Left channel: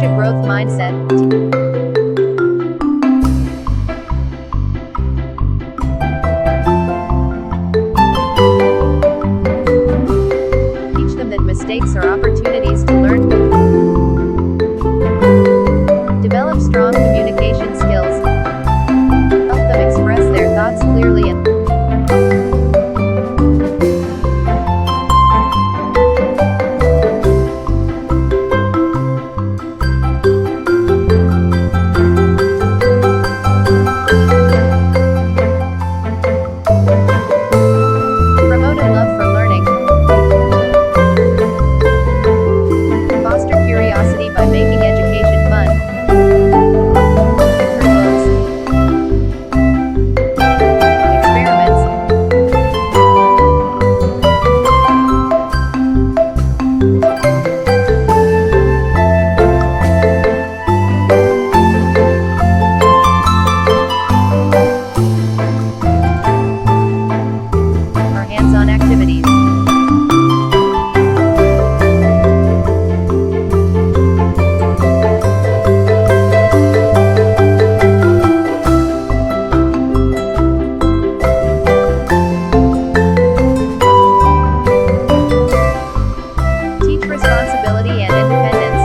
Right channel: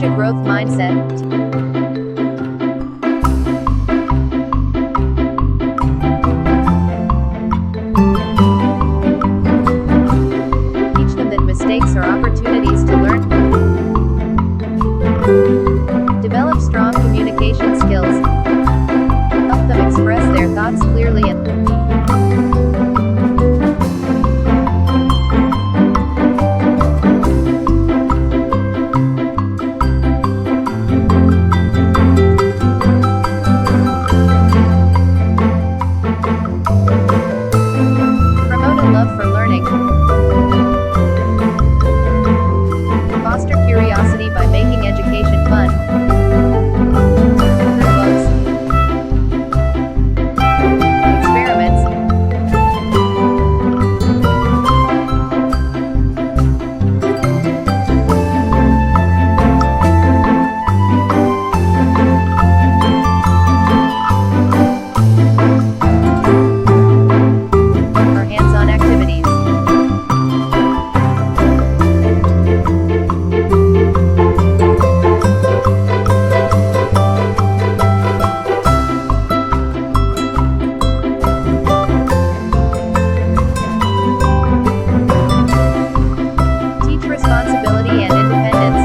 Encourage a growth mindset. Teach them that mistakes are opportunities to learn. Develop strong communication skills. Help them express their thoughts clearly and promote a love for learning. Foster curiosity by making education fun. Through books, experiments, or hands-on activities. Teach responsibility and independence.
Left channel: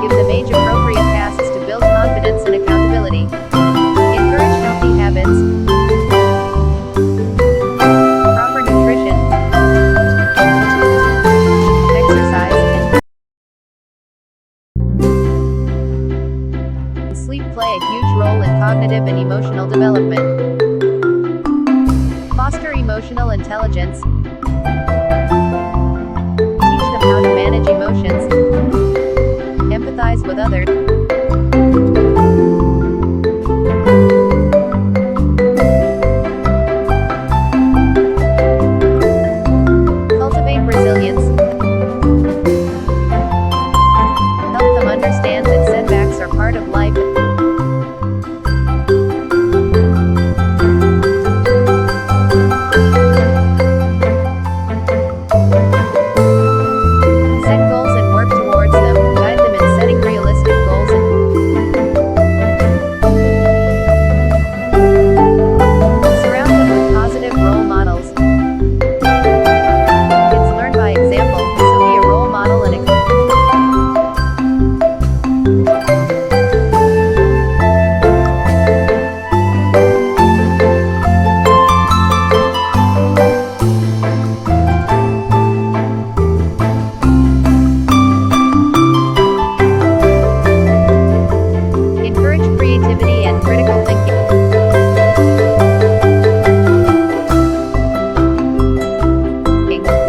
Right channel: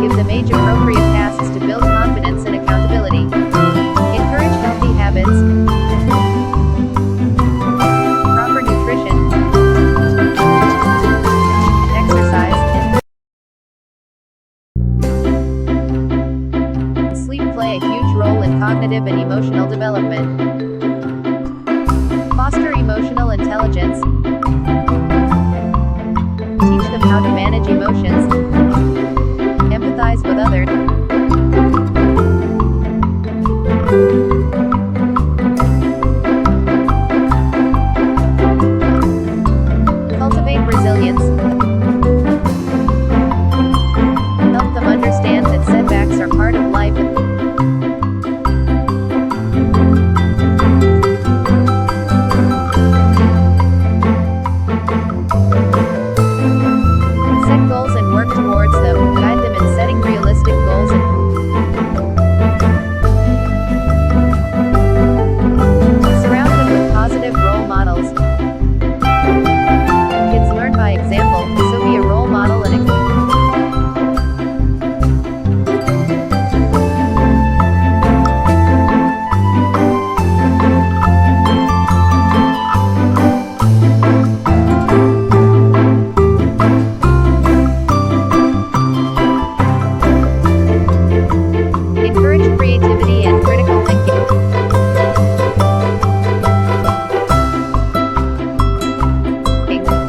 Give them age-appropriate tasks to build confidence and accountability. Encourage healthy habits. Proper nutrition, exercise, and sleep play a huge role in cognitive and emotional development. Foster emotional intelligence. Teach them how to manage emotions, empathize with others, cultivate resilience. Help them understand that setbacks are part of life. Set goals and work towards them. Guide them in setting realistic goals and surround them with positive role models. Kids learn by example, so be a role model and encourage creativity and critical thinking.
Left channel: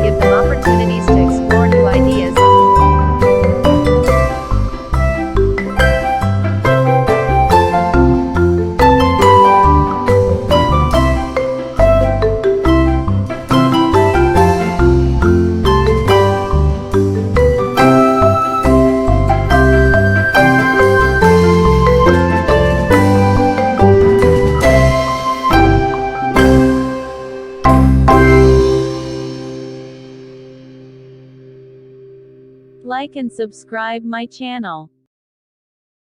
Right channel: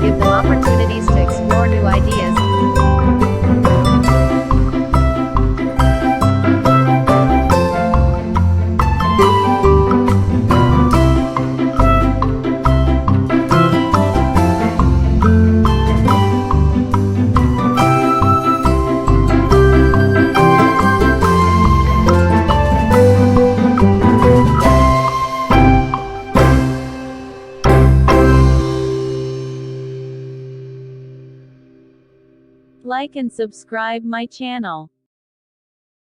Give them opportunities to explore new ideas. Like and subscribe my channel.